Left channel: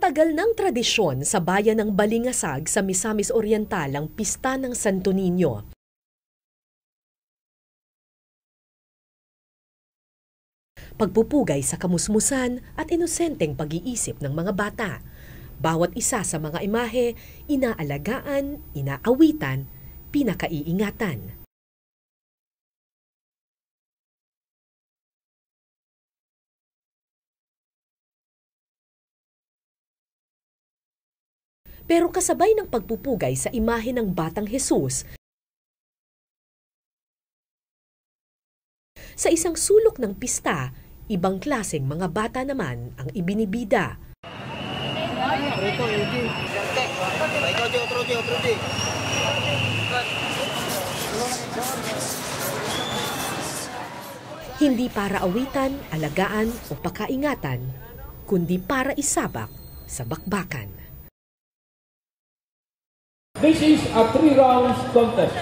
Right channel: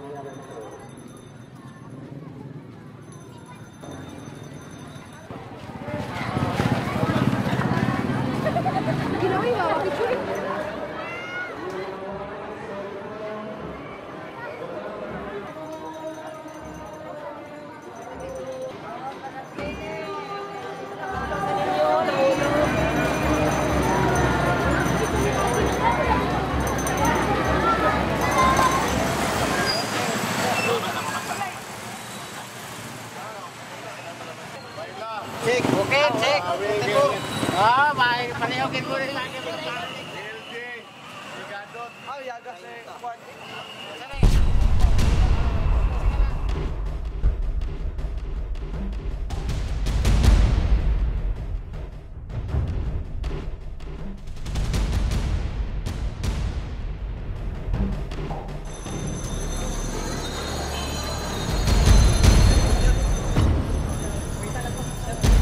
Matagal ng tradisyon sa bayan ng Balingasag sa Misamis Oriental ang Pista ng Santo Niño. Pagpupugay sa kamusmusan at inosenteng pag-iisip ng mga bata. Bawat isa sa mga imahe, inaalagaan, inaawitan, pinakaiingatan. Pero kasabay ng pagpupugay sa imahe ng Batang Jesus, sa isang sulok ng pista, ibang klaseng mga bata naman ang ibinibida. Hindi para awitan, alagaan o pakaingatan, kundi para isabak sa bakbakan. This is a 3 rounds contest.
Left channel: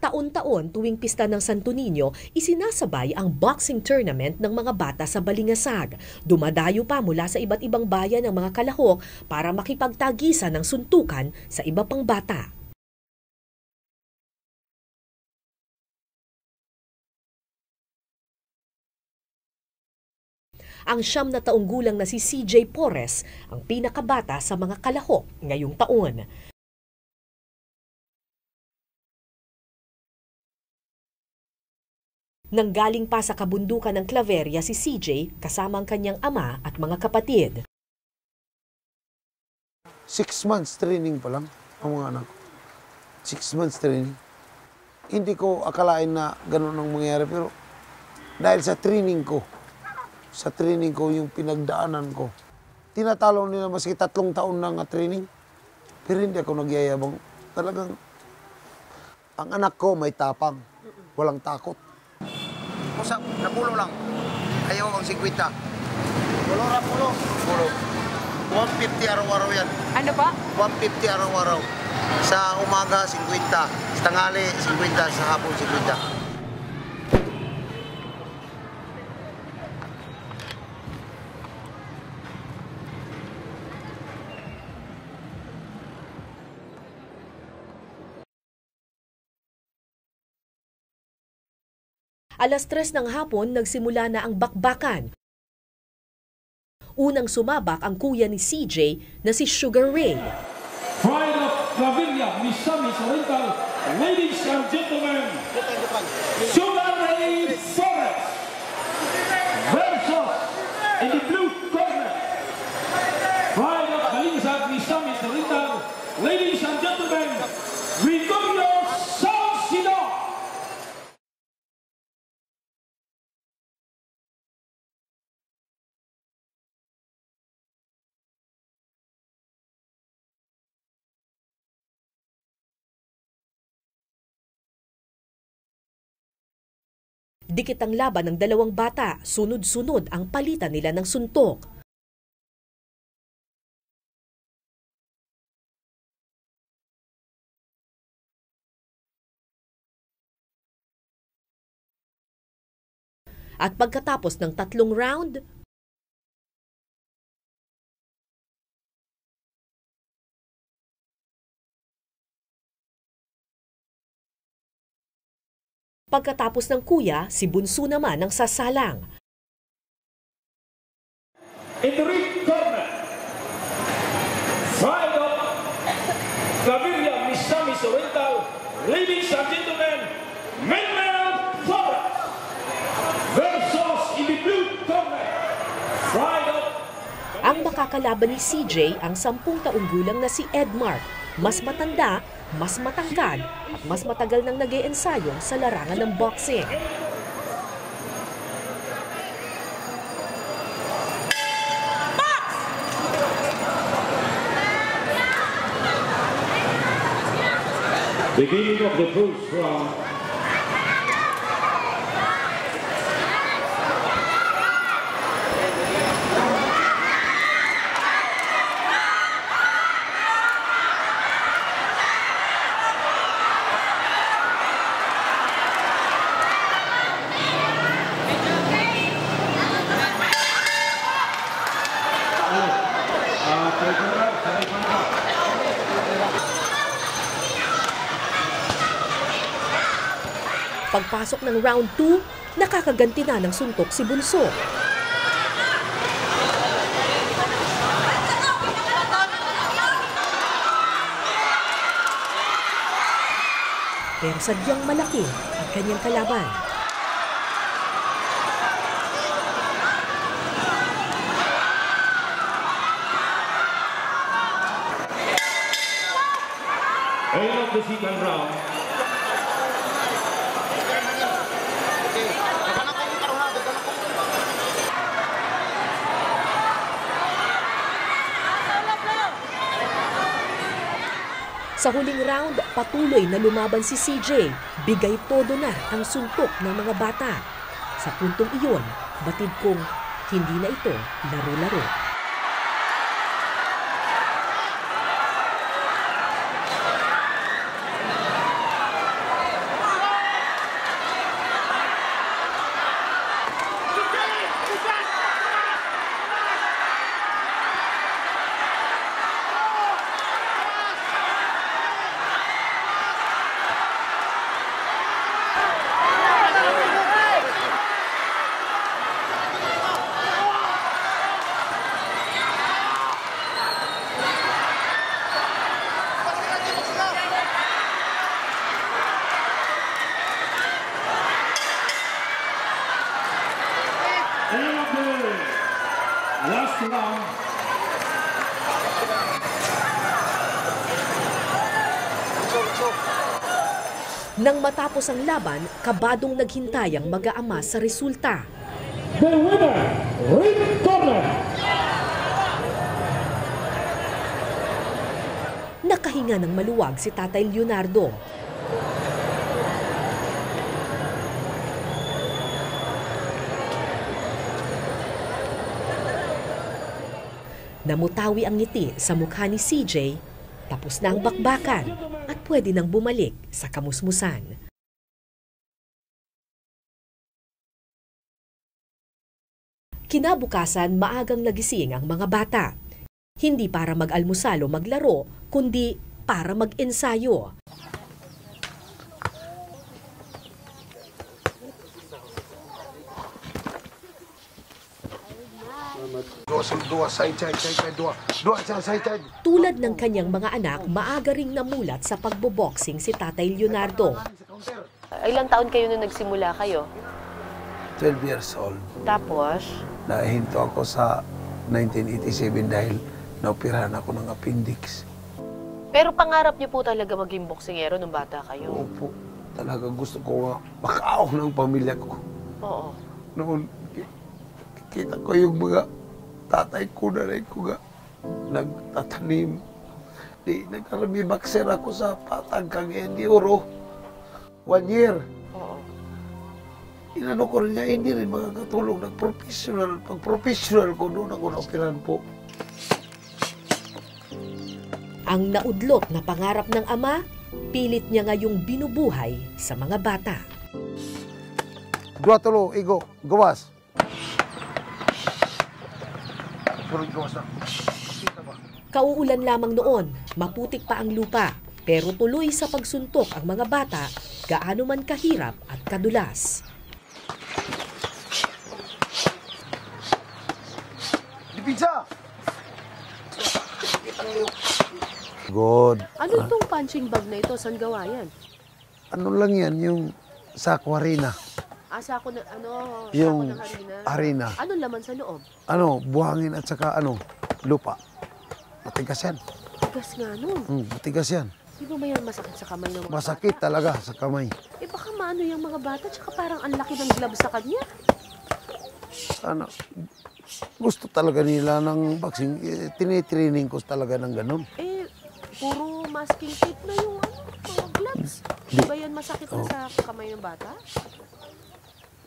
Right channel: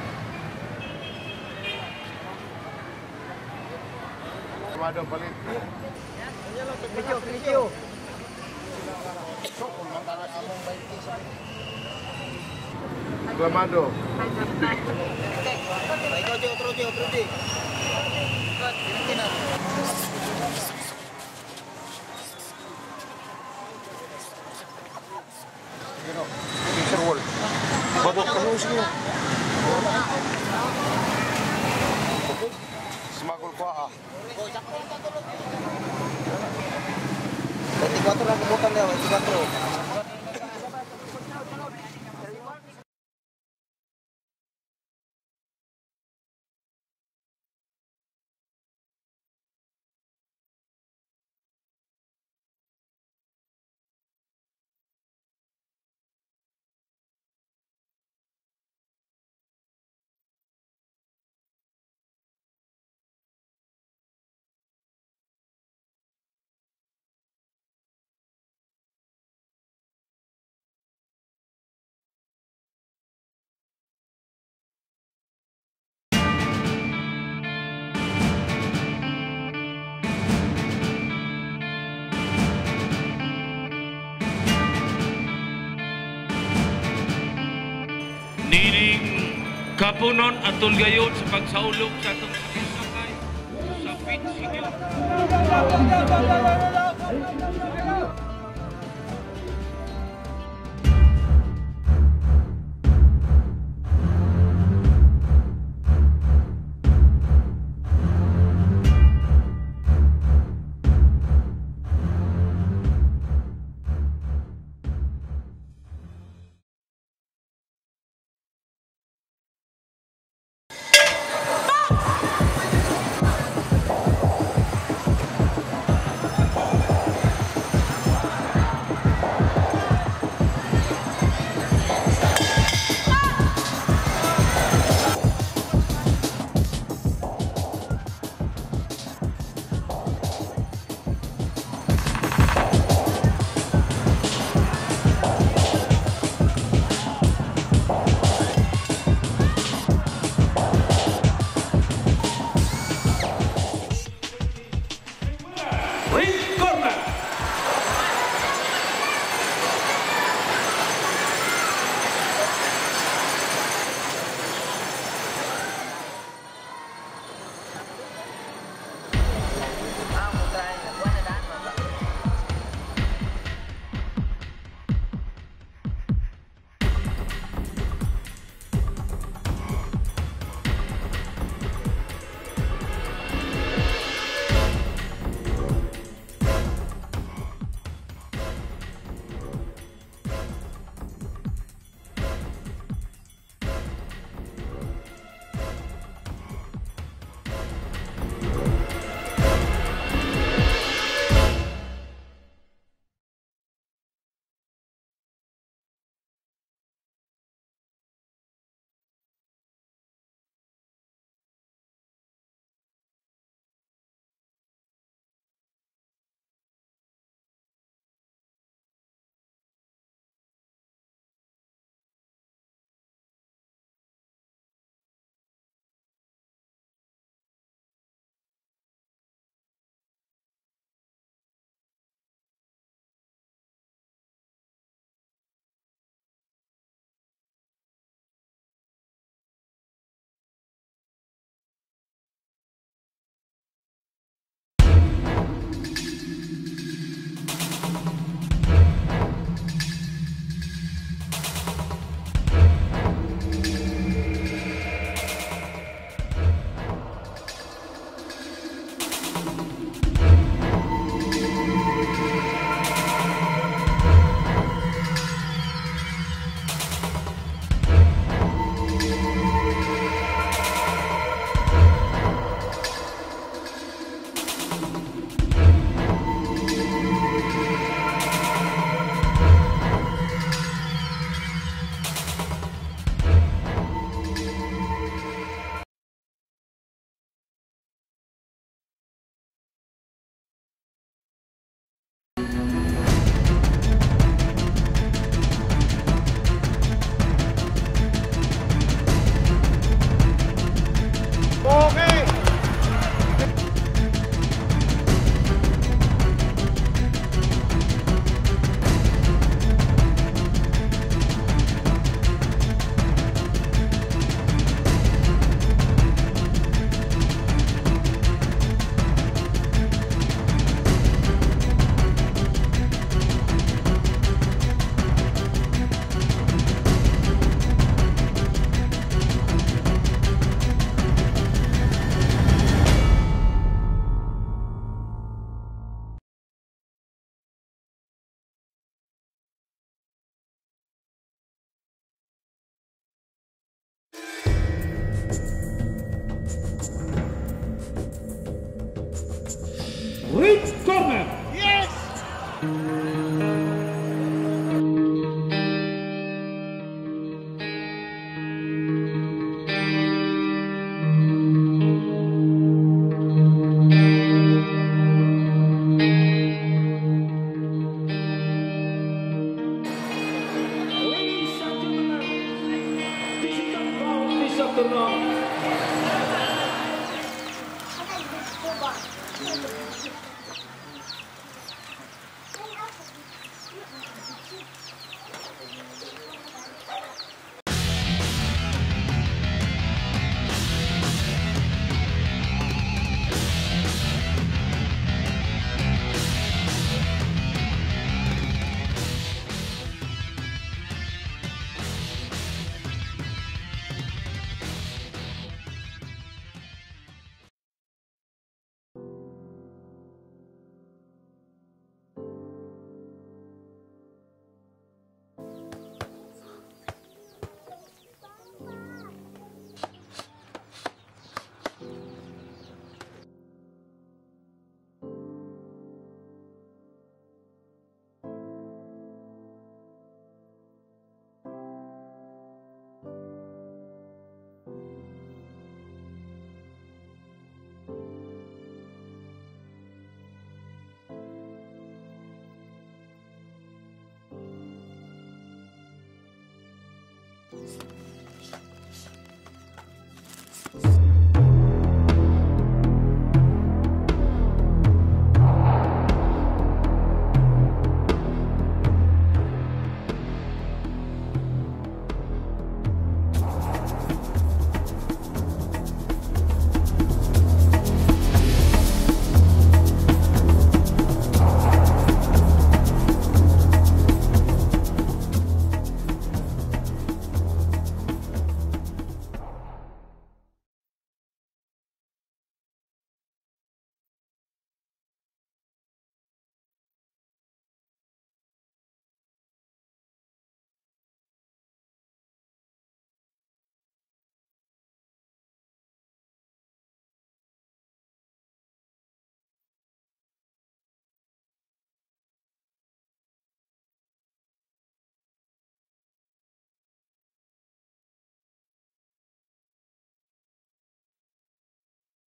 Taon-taon tuwing pista ng Santo Niño, isinasabay ang boxing tournament ng mga bata sa Balingasag. Dumadayo pa mula sa iba't ibang bayan ng mga kalahok para makipagtagisan ng suntukan sa iba pang bata. Aklamado. Ang 9 na taong gulang na si CJ Porres, ang pinakabata sa mga kalahok ngayong taon. Nanggaling pa sa kabundukan ng Claveria si CJ kasama ang kanyang ama at mga kapatid. 6 months training pa lang ang mga anak. 6 months training. Hindi ko akalain na gano'n ang mangyayari pero dahil sa training ko yung pinagdaanan ko. Tinatalo nila maski 3 taon na nga training pero hindi ako nagyayabang. Talagang ang anak ko may tapang, walang takot. Usap, napulo lang. Ayaw ang 50. Pulo. 150 araw-araw yan. Ano pa? 150 araw-araw. Sa umaga, 50. Sa tanghali, 50. Sa hapon, 50. Kapunon at tulgayon sa pagsaulog sa Alas 3 ng hapon, nagsimula na ang bakbakan. Unang sumabak ang kuya ni CJ na si Sugar Ray. Pride of Claveria, Misamis Oriental, ladies and gentlemen, Sugar Ray Forrest versus in the blue corner. Pride of Balingasag, Misamis Oriental, ladies and gentlemen, Gregorio Salcido. Dikit ang laban ng dalawang bata, sunod-sunod ang palitan nila ng suntok. At pagkatapos ng 3 round, Ring corner. pagkatapos ng kuya, si Bunso naman ang sasalang. In the ring corner, Pride of Claveria, Misamis Oriental, ladies and gentlemen, Maynard Flora versus in the blue corner, Pride of... Ang makakalaban ni CJ ang 10 taong gulang na si Edmark. Mas matanda, mas matangkad, at mas matagal nang nag-iensayo sa larangan ng boxing. Beginning of the first round. Pagpasok ng round 2, nakakaganti na ng suntok si Bunso. Pero sadyang malaki ang kanyang kalaban. End of the second round. Sa huling round, patuloy na lumaban si CJ. Bigay todo na ang suntok ng mga bata. Sa puntong iyon, batid kong hindi na ito laro-laro. End of the last round. Nang matapos ang laban, kabadong naghintay ang mag-aama sa resulta. The winner, Red Corner. Nakahinga ng maluwag si Tatay Leonardo. Namutawi ang ngiti sa mukha ni CJ, tapos na ang bakbakan at pwede nang bumalik sa kamusmusan. Finish of the round. Kinabukasan, maagang nagising ang mga bata. Hindi para mag-almusal o maglaro, kundi para mag-ensayo. Tulad ng kanyang mga anak, maaga rin namulat sa pagboboxing si Tatay Leonardo. Ilang taon kayo nung nagsimula kayo? 12 years old. Tapos, Nahinto ako sa 1987 dahil naoperahan ako ng appendix. pero pangarap niyo po talaga maging boksingero nung bata kayo? Opo, talagang gusto ko nga makaawak ng pamilya ko. Oo. Noon, kita ko yung mga tatay ko, nanay ko nga nagtatanim. Di, nagkarami boxer ako sa Patag Cagayan de Oro. 1 year. Oo. Inano ko rin nga, hindi rin makakatulong ng professional. Pag professional ko, doon ako na-operahan po. Ang naudlot na pangarap ng ama, pilit niya ngayong binubuhay sa mga bata. Dua tulo, igo, gawas. Kauulan lamang noon, maputik pa ang lupa, pero tuloy sa pagsuntok ang mga bata, gaano man kahirap at kadulas. Good. Ano itong punching bag na ito? Saan gawa yan? Ano lang yan, yung sa aquarina. Asa ako na, Yung sako ng harina. harina. Ano laman sa loob? Ano, buhangin at saka lupa. Matigas yan. Tigas nga nun. Matigas yan. Di ba may masakit sa kamay ng mga Masakit bata? talaga sa kamay. Eh baka maano yung mga bata, tsaka parang ang laki ng glove sa kanya. Ano, gusto talaga nila ng boxing. Tinitraining ko talaga ng ganun. Eh, puro masking tape na yung mga gloves. Di ba yan masakit na sa kamay ng bata?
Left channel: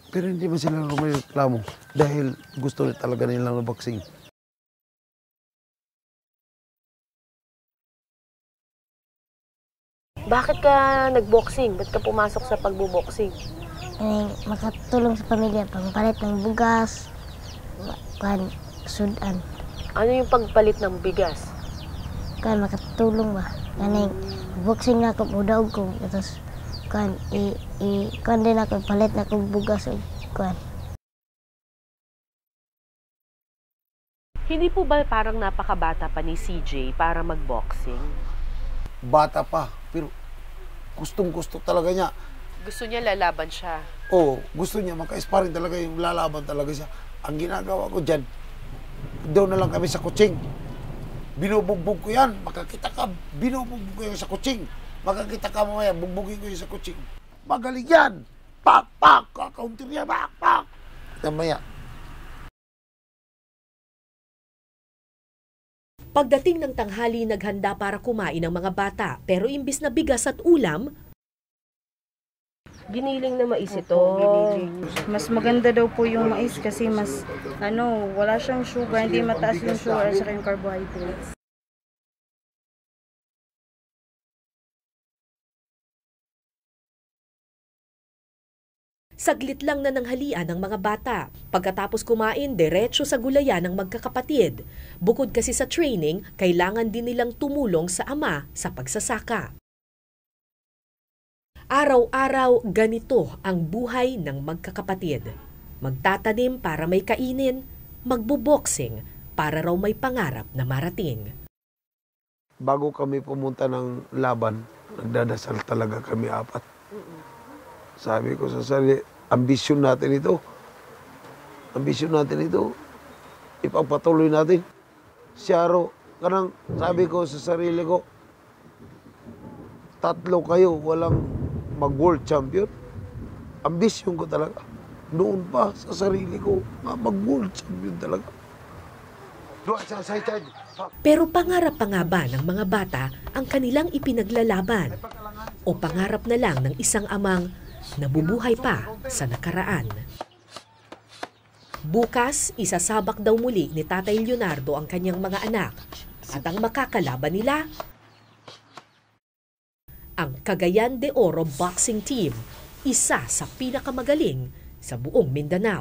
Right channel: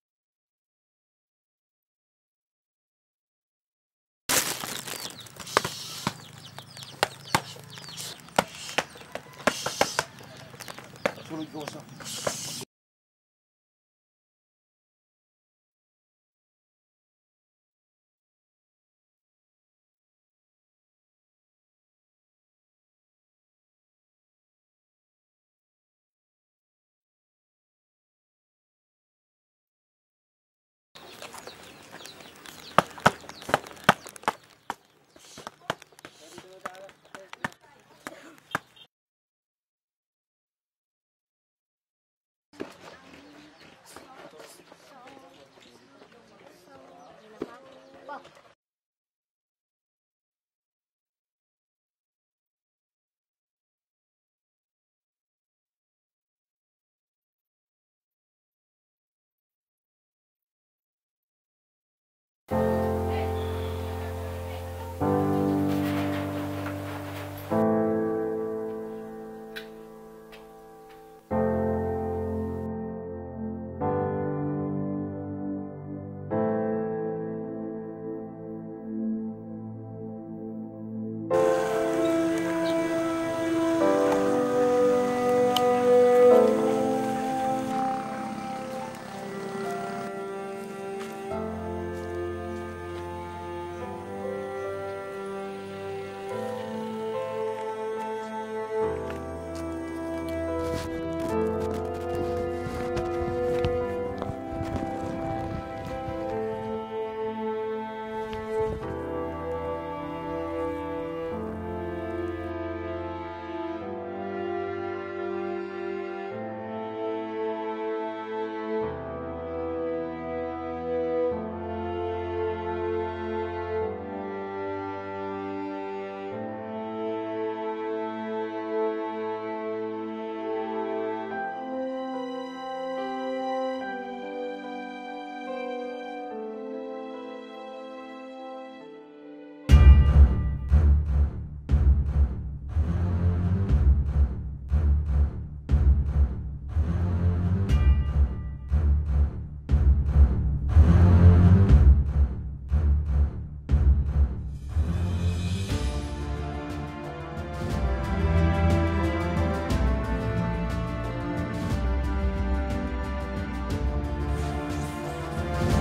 Pero hindi man sila reklamo dahil gusto rin talaga nila ng boxing. Bakit ka nag-boxing? Ba't ka pumasok sa pagbo-boxing? Makatulong sa pamilya, pangpalit ng bugas, sudan. Ano yung pagpalit ng bigas? Makatulong ba? Boxing na ako, mudaog ko. Tapos, kuan kuan din ako palit na kog bugas og kuan. Hindi po ba parang napakabata pa ni CJ para mag-boxing? Bata pa, pero gustong-gusto talaga niya. Gusto niya lalaban siya. Oo, gusto niya, maka-sparring talaga yung lalaban talaga siya. Ang ginagawa ko dyan, doon na lang kami sa kutsing. Binubugbog ko yan, makakita ka, binubugbog ko yan sa kutsing. Makakita ka mamaya, bugbugin ko yan sa kutsing. Magaling yan! Pak, pak! Kakauntir niya, pak, pak! Mamaya. Pagdating ng tanghali, naghanda para kumain ang mga bata. Pero imbis na bigas at ulam, Giniling na mais ito. Mas maganda daw po yung mais kasi mas wala siyang sugar, hindi mataas yung sugar at saka yung carbohydrates. saglit lang na nanghalian ng mga bata. Pagkatapos kumain, diretso sa gulayan ng magkakapatid. Bukod kasi sa training, kailangan din nilang tumulong sa ama sa pagsasaka. Araw-araw, ganito ang buhay ng magkakapatid. Magtatanim para may kainin, magbo-boxing para raw may pangarap na marating. Bago kami pumunta ng laban, nagdadasal talaga kami apat. Sabi ko sa sarili, ambisyon natin ito. Ambisyon natin ito. Ipagpatuloy natin. Siyaro, kanang sabi ko sa sarili ko, 3 kayo, walang mag-world champion. Ambisyon ko talaga. Noon pa sa sarili ko, mag-world champion talaga. Pero pangarap pa nga ba ng mga bata ang kanilang ipinaglalaban? O pangarap na lang ng isang amang nabubuhay pa sa nakaraan? Bukas, isasabak daw muli ni Tatay Leonardo ang kanyang mga anak. At ang makakalaban nila, ang Cagayan de Oro Boxing Team, isa sa pinakamagaling sa buong Mindanao.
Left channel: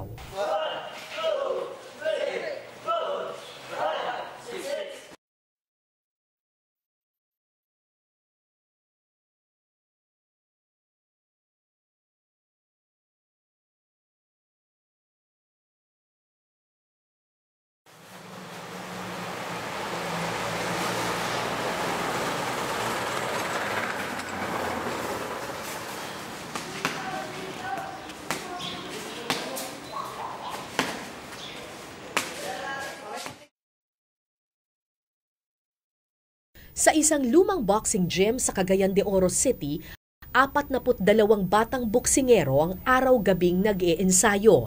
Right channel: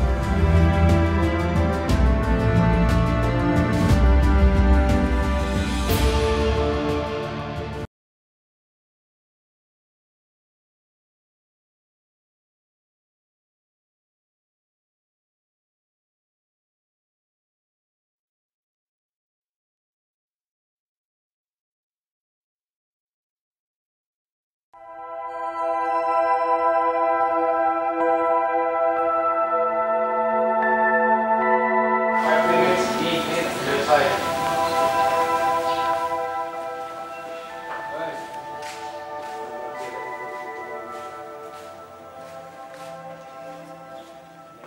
Sa isang lumang boxing gym sa Cagayan de Oro City, 42 batang boksingero ang araw-gabing nag-iensayo.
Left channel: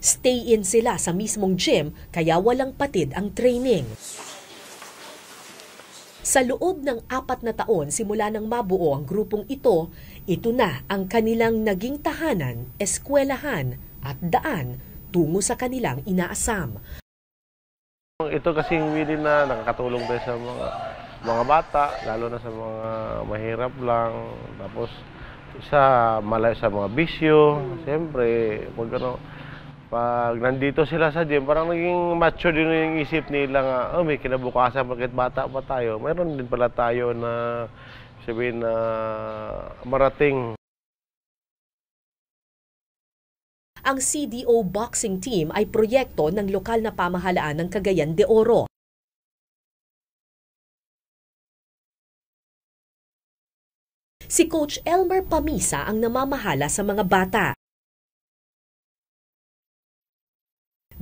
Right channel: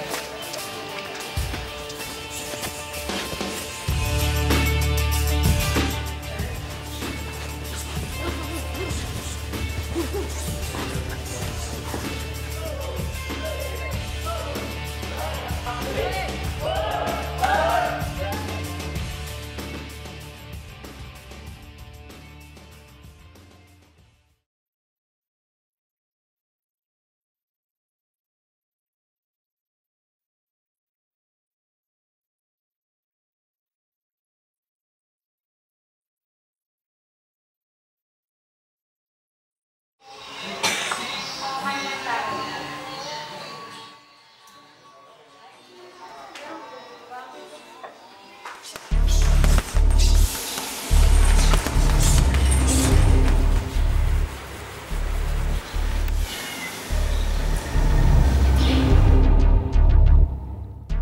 Stay-in sila sa mismong gym, kaya walang patid ang training. Sa loob ng 4 na taon simula nang mabuo ang grupong ito na ang kanilang naging tahanan, eskwelahan at daan tungo sa kanilang inaasam. Ito kasing willing na nakakatulong din sa mga bata, lalo na sa mga mahirap lang. Tapos malayo sa mga bisyo. Siyempre, pag nandito sila sa gym, parang naging macho din yung isip nila nga, may kinabukasan, bakit bata pa tayo. Mayroon din pala tayo na sabihin na marating. Ang CDO Boxing Team ay proyekto ng lokal na pamahalaan ng Cagayan de Oro. Si Coach Elmer Pamisa ang namamahala sa mga bata.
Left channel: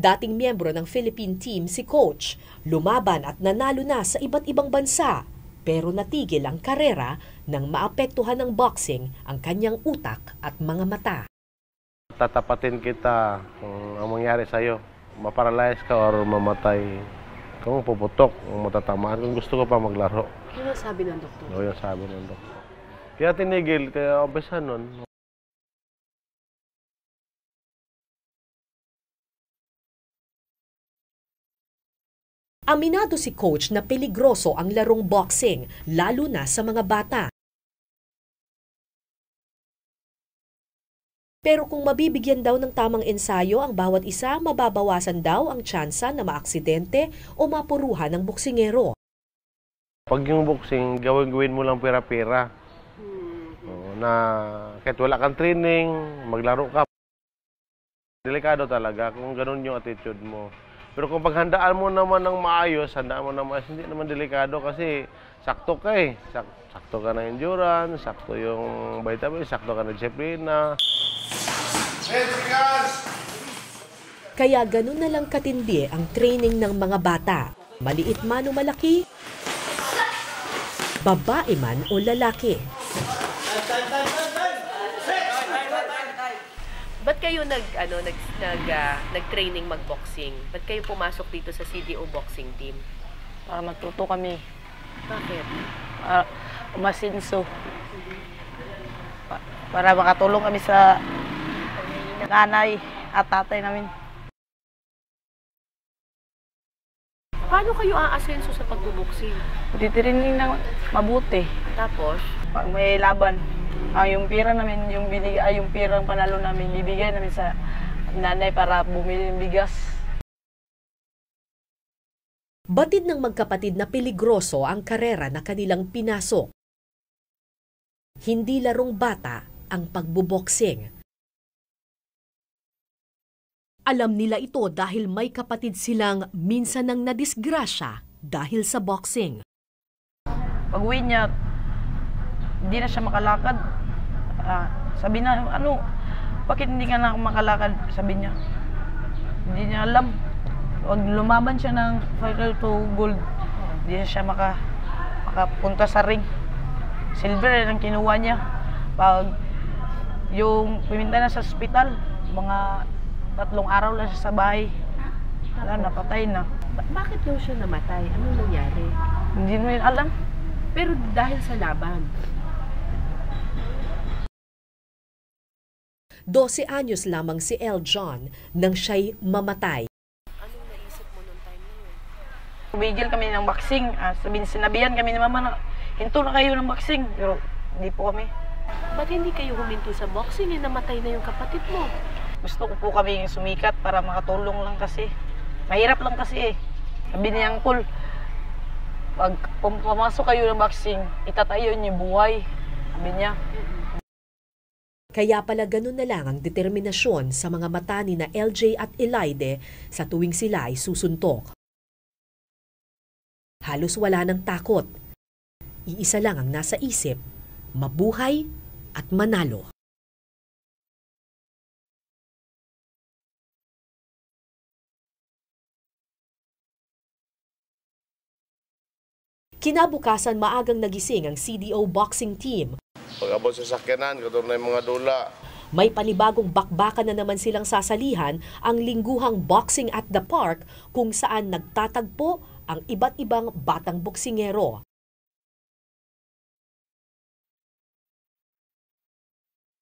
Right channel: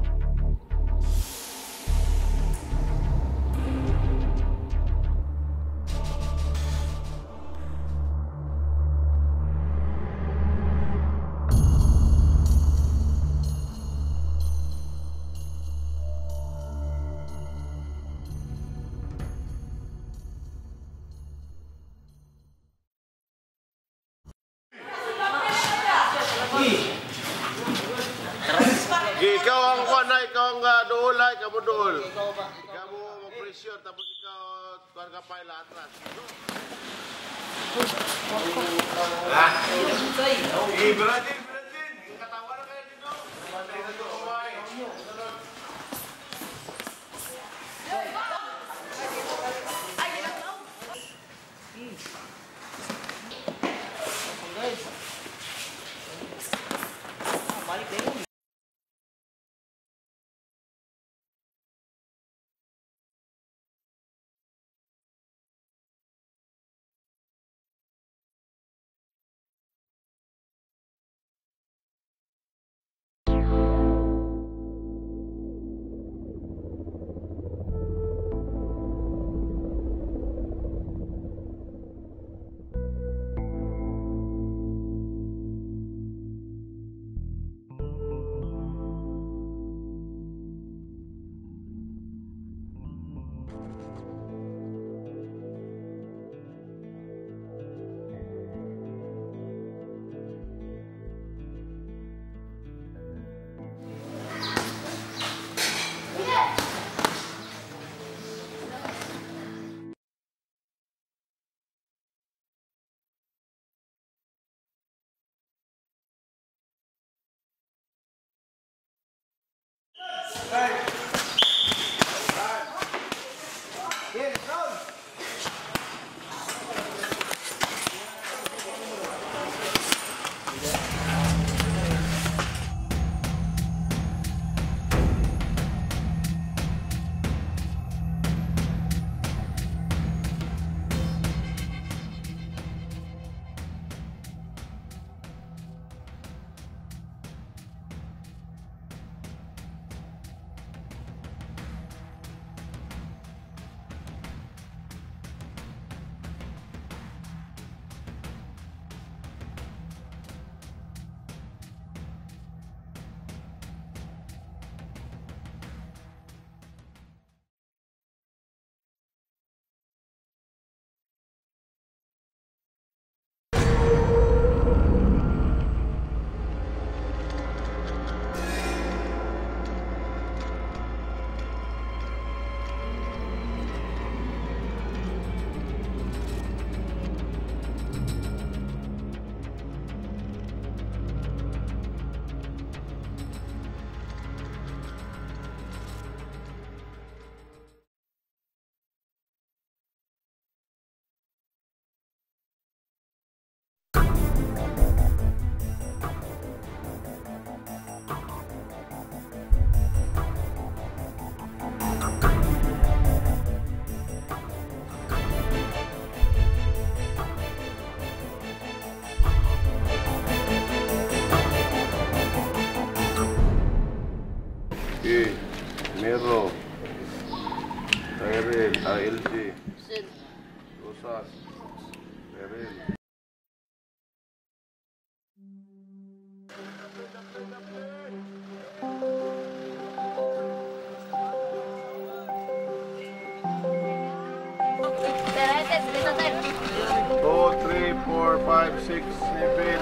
Dating miyembro ng Philippine team si Coach, lumaban at nanalo na sa iba't ibang bansa, pero natigil ang karera nang maapektuhan ng boxing ang kanyang utak at mga mata. Tatapatin kita kung ang mangyari sa'yo. Maparalyze ka or mamatay. Kung puputok, kung matatamaan, kung gusto ko pa maglaro. Ano sabi ng doktor? Oo, yung sabi ng doktor. Kaya tinigil, kaya obesan nun. Ikaw ang kuana, ikaw ang duulay, kamuduol. Aminado si Coach na peligroso ang larong boxing, lalo na sa mga bata. Pero kung mabibigyan daw ng tamang ensayo ang bawat isa, mababawasan daw ang tsansa na maaksidente o mapuruhan ng boksingero. Pag yung boxing, gawin mo lang pera-pera. Na kahit wala kang training, maglaro ka. Delikado talaga kung ganun yung attitude mo. Pero kung paghandaan mo naman ng maayos, handaan mo ng maayos, hindi naman delikado kasi sakto ka eh. Sakto ka ng endurance, sakto yung vitamin, sakto ka ng disiplina. Kaya ganun na lang katindi ang training ng mga bata. Maliit man o malaki, babae man o lalaki. Ba't kayo nag-training mag-boxing? Ba't kayo pumasok dito sa CDO boxing team? Para matuto kami. Bakit? Umasinso. Para makatulong kami sa nanay at tatay namin. Paano kayo aasenso sa pagbuboxing? Titraining na mabuti. Tapos? Pag may laban, yung pira namin, yung pirang panalo namin, ibigay namin sa nanay para bumili ng bigas. Batid ng magkapatid na peligroso ang karera na kanilang pinasok. Hindi larong bata ang pagbuboksing. Alam nila ito dahil may kapatid silang minsan nang nadisgrasya dahil sa boxing. Pag-uwi niya, hindi na siya makalakad. Sabi na, bakit hindi ka na makalakad? Sabi niya. Hindi niya alam. Pag lumaban siya ng final to gold, hindi na siya makapunta sa ring. Silver ang kinuha niya. Pag yung pumunta na sa ospital, mga 3 araw lang siya sa bahay. Napatay na. Bakit daw siya namatay? Anong nangyari? Hindi mo yun alam. Pero dahil sa laban. 12 anyos lamang si El John nang siya'y mamatay. Tumigil kami ng boxing. Sinabihan kami ni mama na hinto na kayo ng boxing. Pero hindi po kami. Ba't hindi kayo huminto sa boxing? Namatay na yung kapatid mo. Gusto ko po kami sumikat para makatulong lang kasi. Mahirap lang kasi eh. Sabi ni Uncle, pag pumasok kayo ng boxing, itatayo niyo buhay. Sabi niya. Kaya pala ganun na lang ang determinasyon sa mga mata ni na LJ at Elaide sa tuwing sila ay susuntok. Halos wala ng takot. Iisa lang ang nasa isip, mabuhay at manalo. Mero. LJ. Kinabukasan maagang nagising ang CDO boxing team. Pag-abot sa sakyanan, katulad na yung mga dula. May panibagong bakbakan na naman silang sasalihan, ang lingguhang Boxing at the Park, kung saan nagtatagpo ang iba't ibang batang boksingero. 2, 3, 4, 5, 6, 7.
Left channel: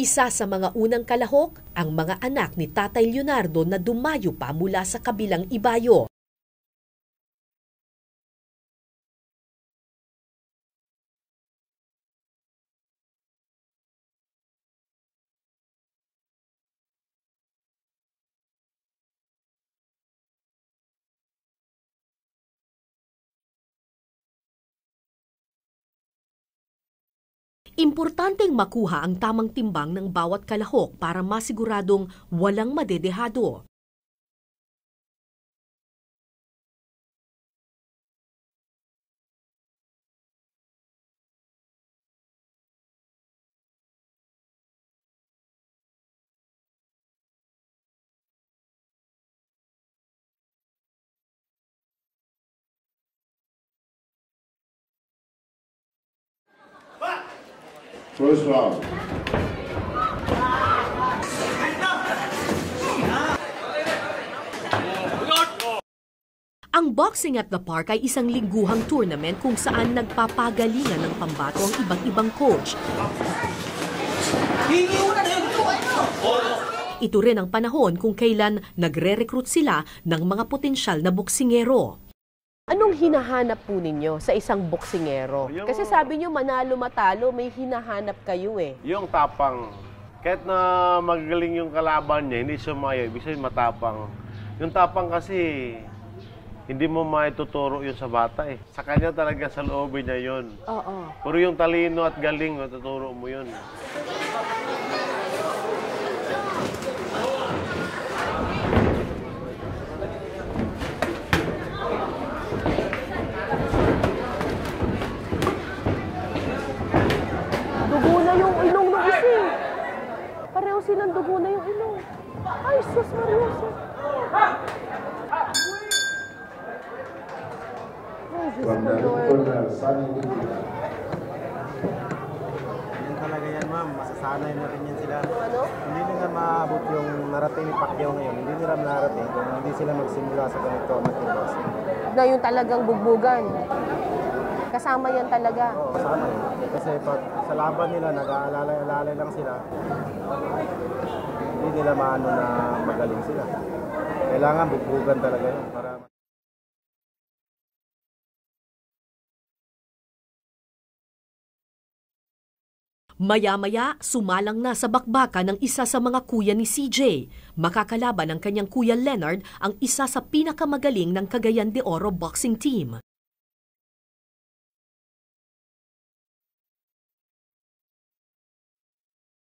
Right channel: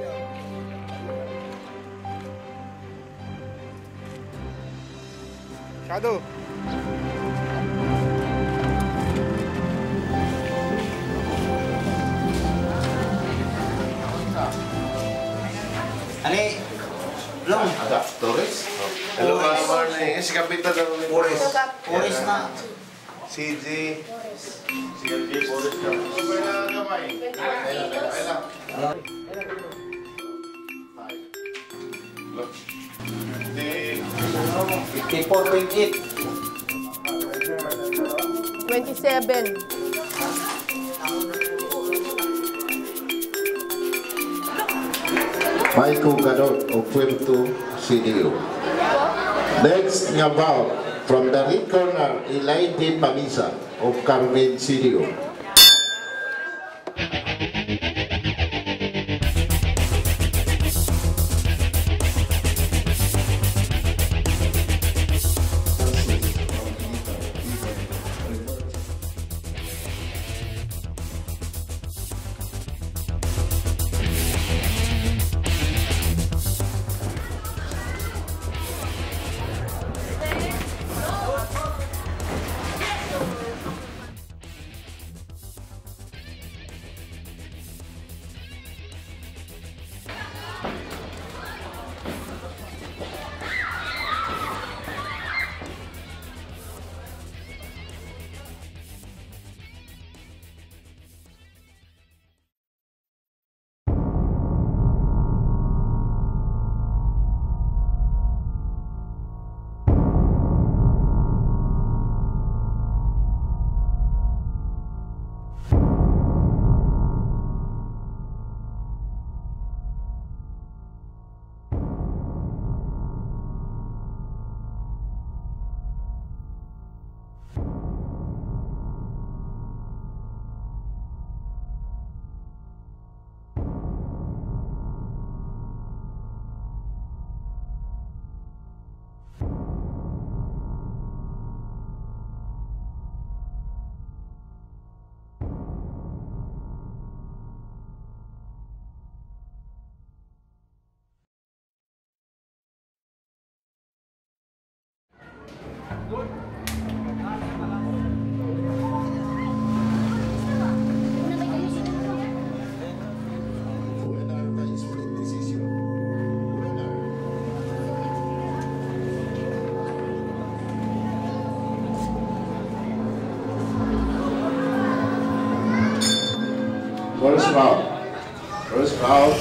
Isa sa mga unang kalahok, ang mga anak ni Tatay Leonardo na dumayo pa mula sa kabilang ibayo. Ali, Long. Torres? Hello, morning. Si Kapitan na rin. Oris na. CG. CLG, Boris ka. Importanteng makuha ang tamang timbang ng bawat kalahok para masiguradong walang madedehado. 54.8. 27. Michael Gadot of Puerto CDO. Next nga bout from the red corner, Elaide Pamisa of Carmen CDO. First round. Ang Boxing at the Park ay isang lingguhang tournament kung saan nagpapagalingan ng pambato ang iba't ibang coach. Ito rin ang panahon kung kailan nagre-recruit sila ng mga potensyal na boksingero. Anong hinahanap po ninyo sa isang boksingero? Kasi sabi niyo manalo matalo, may hinahanap kayo eh. Yung tapang. Kahit na magaling yung kalaban niya, hindi sumayag, kasi matapang. Yung tapang kasi, hindi mo maituturo yun sa bata eh. Sa kanya talaga sa loobin niya yun. Oo. Pero yung talino at galing, matuturo mo yun. Dugo na yung ilong ng isa eh. Pareho silang dugo na yung ilong. Ay, sus Mariosa. From the corner, Sunny Levy. Yan talaga yan, ma'am. Masasanay na rin yan sila. Ano? Hindi nila maabot yung narating ni Pacquiao ngayon. Hindi nila narating kung hindi sila magsimula sa ganito mag-box. Na yung talagang bugbugan. Kasama yan talaga. Oo, kasama yun. Kasi pag sa laban nila, nag-aalalay lang sila, hindi nila maano na magaling sila. Kailangan bugbugan talaga yun. Maya-maya, sumalang na sa bakbakan ng isa sa mga kuya ni CJ. Makakalaban ng kanyang kuya Leonard, ang isa sa pinakamagaling ng Cagayan de Oro boxing team. First round. First round.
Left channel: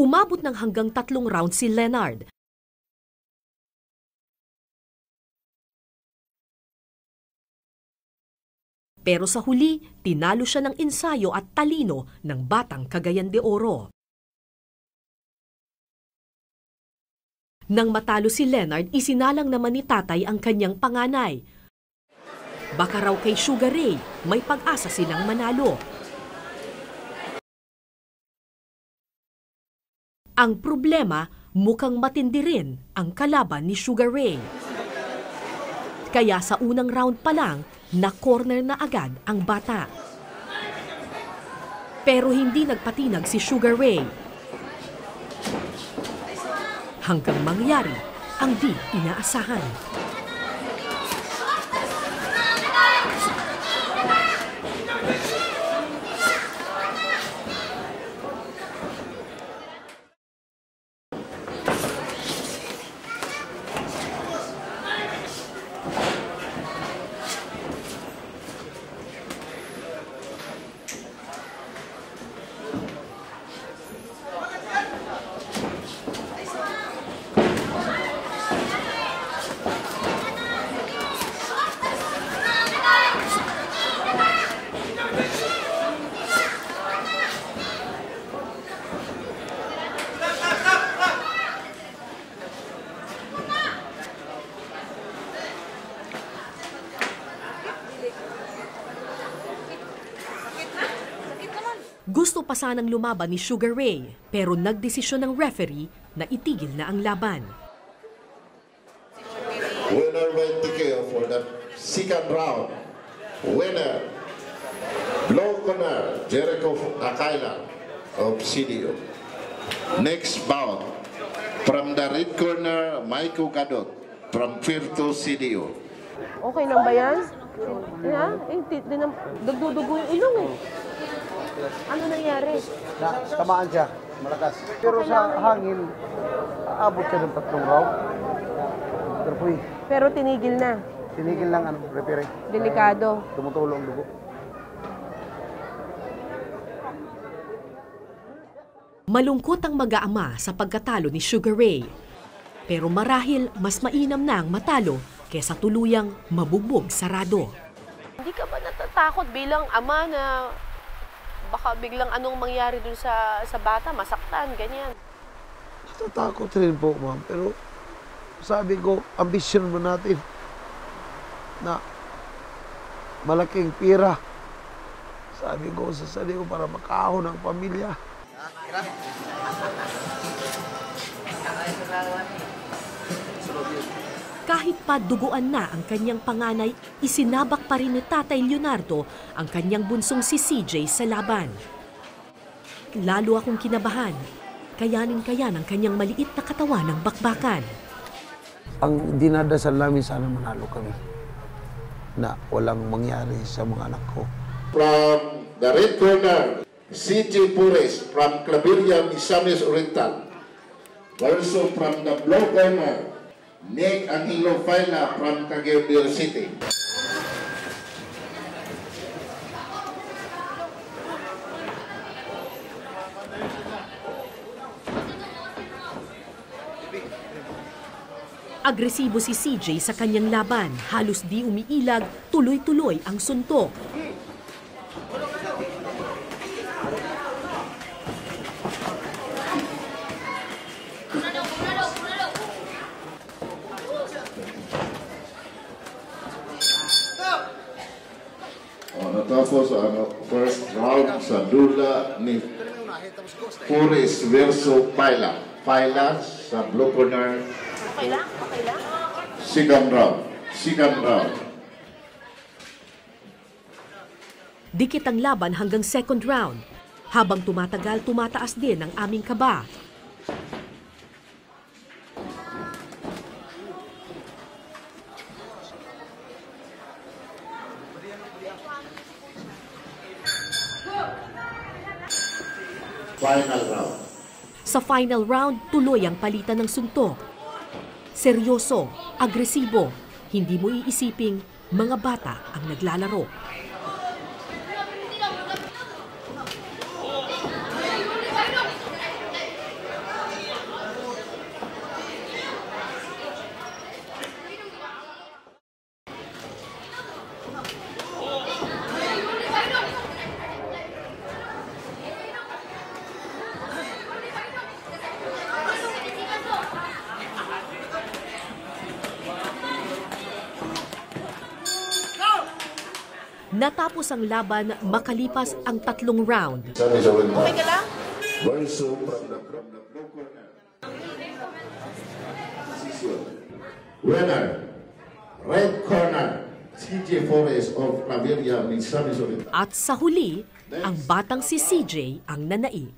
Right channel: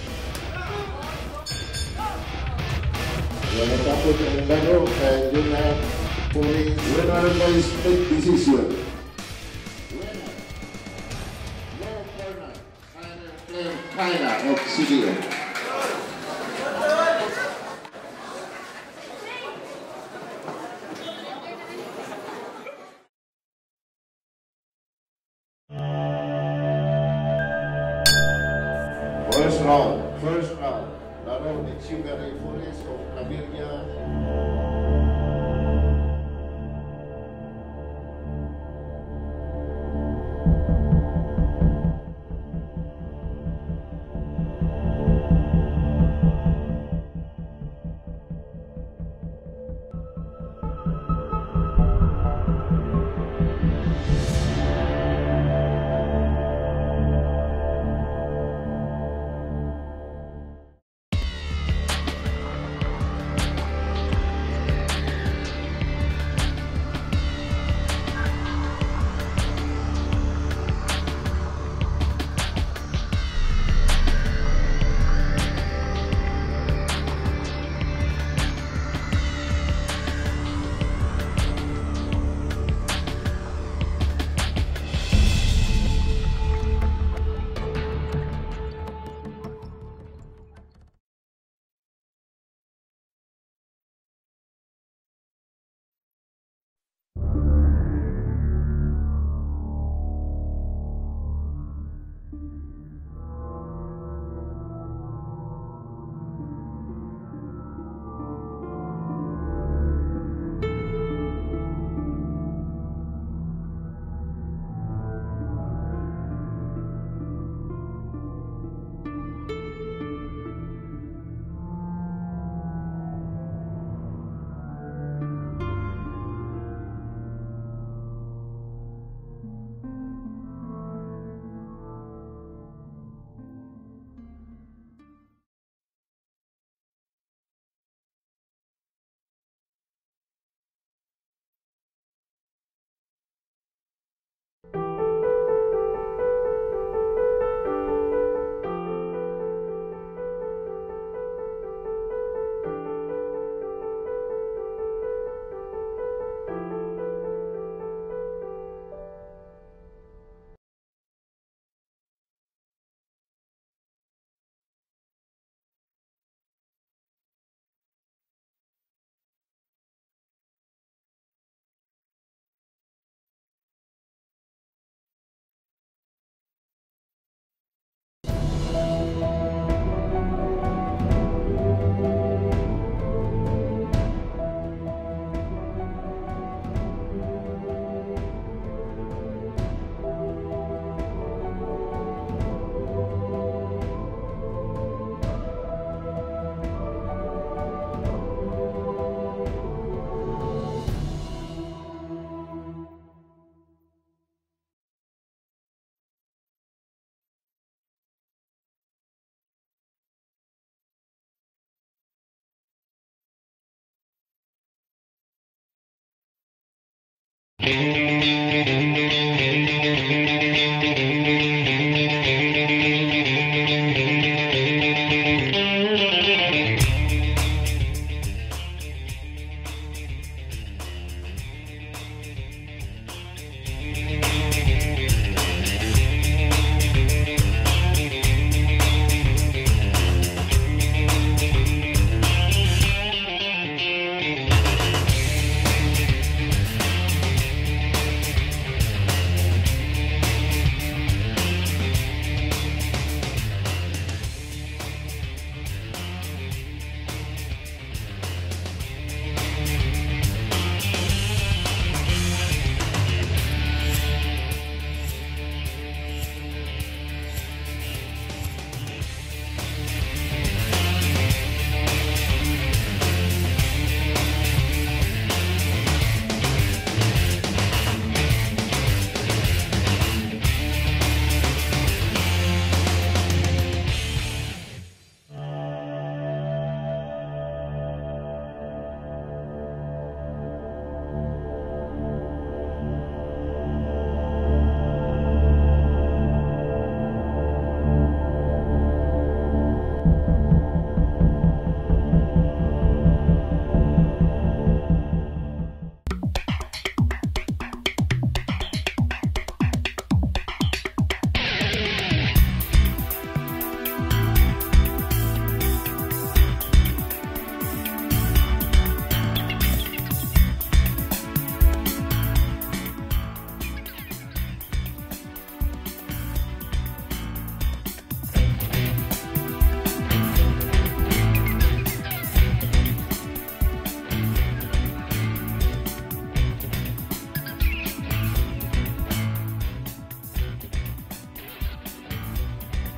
Umabot ng hanggang 3 rounds si Leonard. Yung natapos ang laro, yun na puli, winner by split decision. Pero sa huli, tinalo siya ng ensayo at talino ng batang Cagayan de Oro. Nang matalo si Leonard, isinalang naman ni tatay ang kanyang panganay. Baka raw kay Sugar Ray, may pag-asa silang manalo. Ang problema, mukhang matindi rin ang kalaban ni Sugar Ray. Kaya sa unang round pa lang, na-corner na agad ang bata. Pero hindi nagpatinag si Sugar Ray. Hanggang mangyari ang di inaasahan. Gusto pa sanang lumaban ni Sugar Ray, pero nagdesisyon ng referee na itigil na ang laban. Winner by TKO for the second round. Winner, low corner, Jericho Akailan of CDO. Next bout, from the red corner, Maiko Gadot from Puerto CDO. Okay lang ba yan? Ha? Nagdudugo yung ilong eh. Ano nangyari? Tamaan siya, malakas. Pero sa hangin, aabot siya ng 3 round. Pero tinigil na. Tinigil lang referee. Delikado. Tumutulo ang dugo. Malungkot ang mag-aama sa pagkatalo ni Sugar Ray. Pero marahil mas mainam na ang matalo kesa tuluyang mabugbog sarado. Hindi ka ba natatakot bilang ama na baka biglang anong mangyari dun sa bata, masaktan, ganyan? Natatakot rin po, ma'am. Pero sabi ko, ambisyon mo natin na malaking pira. Sabi ko sa sarili ko para makaahon ang pamilya. Kahit pa duguan na ang kanyang panganay, isinabak pa rin ni Tatay Leonardo ang kanyang bunsong si CJ sa laban. Lalo akong kinabahan, kayanin kaya ng kanyang maliit na katawan ng bakbakan. Ang dinadasal namin sana manalo kami na walang mangyari sa mga anak ko. From the red corner, CJ Pures from Claveria, Misamis Oriental. Also from the blue corner, Nick Angelo Faila from Cagayan City. Agresibo si CJ sa kanyang laban, halos di umiilag, tuloy-tuloy ang suntok. Tapos ang first round sa duda ni Pures versus Paila. Paila sa blue corner. Second round. Dikit ang laban hanggang second round. Habang tumatagal, tumataas din ang aming kaba. Final round. Sa final round, tuloy ang palitan ng suntok. Seryoso, agresibo, hindi mo iisiping mga bata ang naglalaro. Natapos ang laban makalipas ang 3 round. Okay ka lang? Winner, red corner, CJ Pures of Claveria, Misamis Oriental. At sa huli, ang batang si CJ ang nanaig.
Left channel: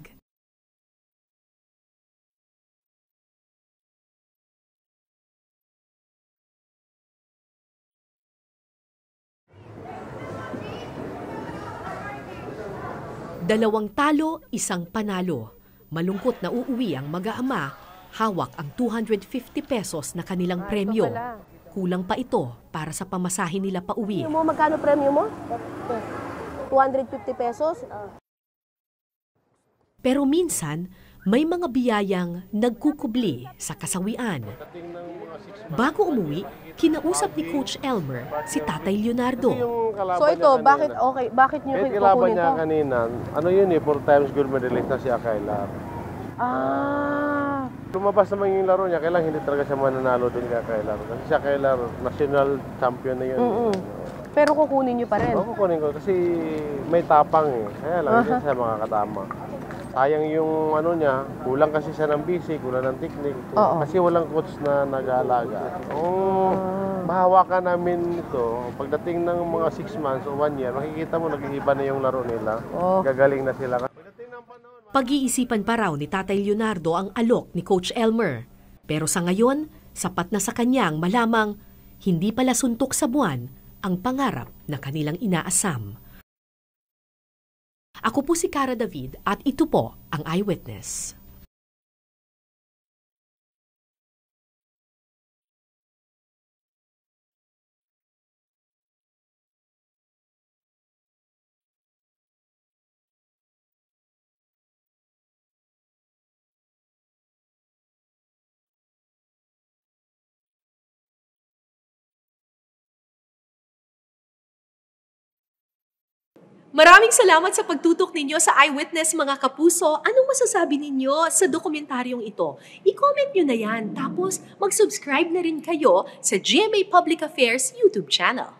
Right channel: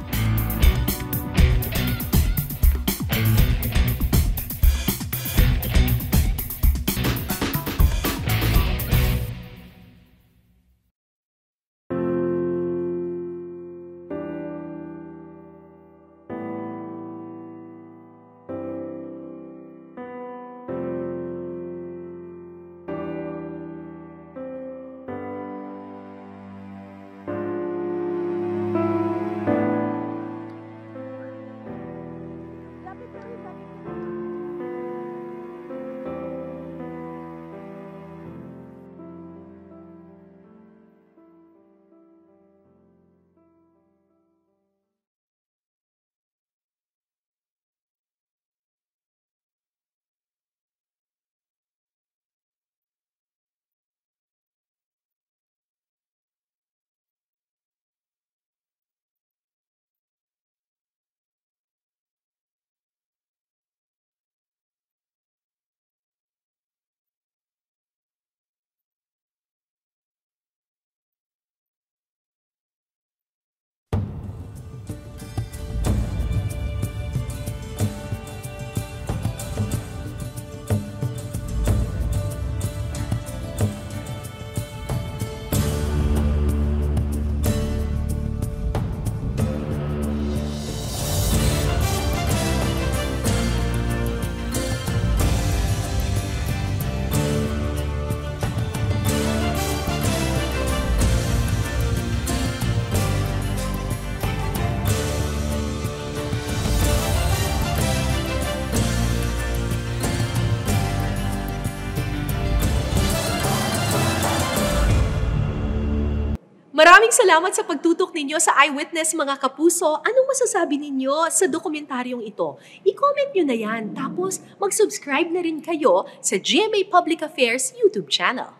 Dalawang talo, isang panalo. Malungkot na uuwi ang mag-aama, hawak ang 250 pesos na kanilang premyo. Kulang pa ito para sa pamasahe nila pauwi. Magkano premyo mo? 250 pesos? Pero minsan, may mga biyayang nagkukubli sa kasawian. Bago umuwi, kinausap ni Coach Elmer si Tatay Leonardo. So ito, bakit niyo Kahit kukunin kalaban niya to? kanina, ano yun eh, 4 times gold medalist na si Akailar. Ah. Lumabas naman yung laro niya, kailangan hindi talaga siya mananalo doon kay Akailar. Kasi si Akailar, national champion na yun. Pero kukunin niyo pa rin? Oo, kukunin ko kasi may tapang eh. Kaya lang, hindi siya makakatama. Sayang yung ano niya, kulang kasi siya ng busy, kulang ng technique. Kasi walang coach na nag-aalaga. Mahawakan namin ito, pagdating ng mga 6 months o 1 year, makikita mo nag-iiba na yung laro nila. Gagaling na sila. Pag-iisipan pa raw ni Tatay Leonardo ang alok ni Coach Elmer. Pero sa ngayon, sapat na sa kanyang malamang hindi pala suntok sa buwan ang pangarap na kanilang inaasam. Ako po si Cara David at ito po ang Eyewitness. Maraming salamat sa pagtutok ninyo sa Eyewitness mga kapuso. Anong masasabi ninyo sa dokumentaryong ito? I-comment nyo na yan. Tapos mag-subscribe na rin kayo sa GMA Public Affairs YouTube channel.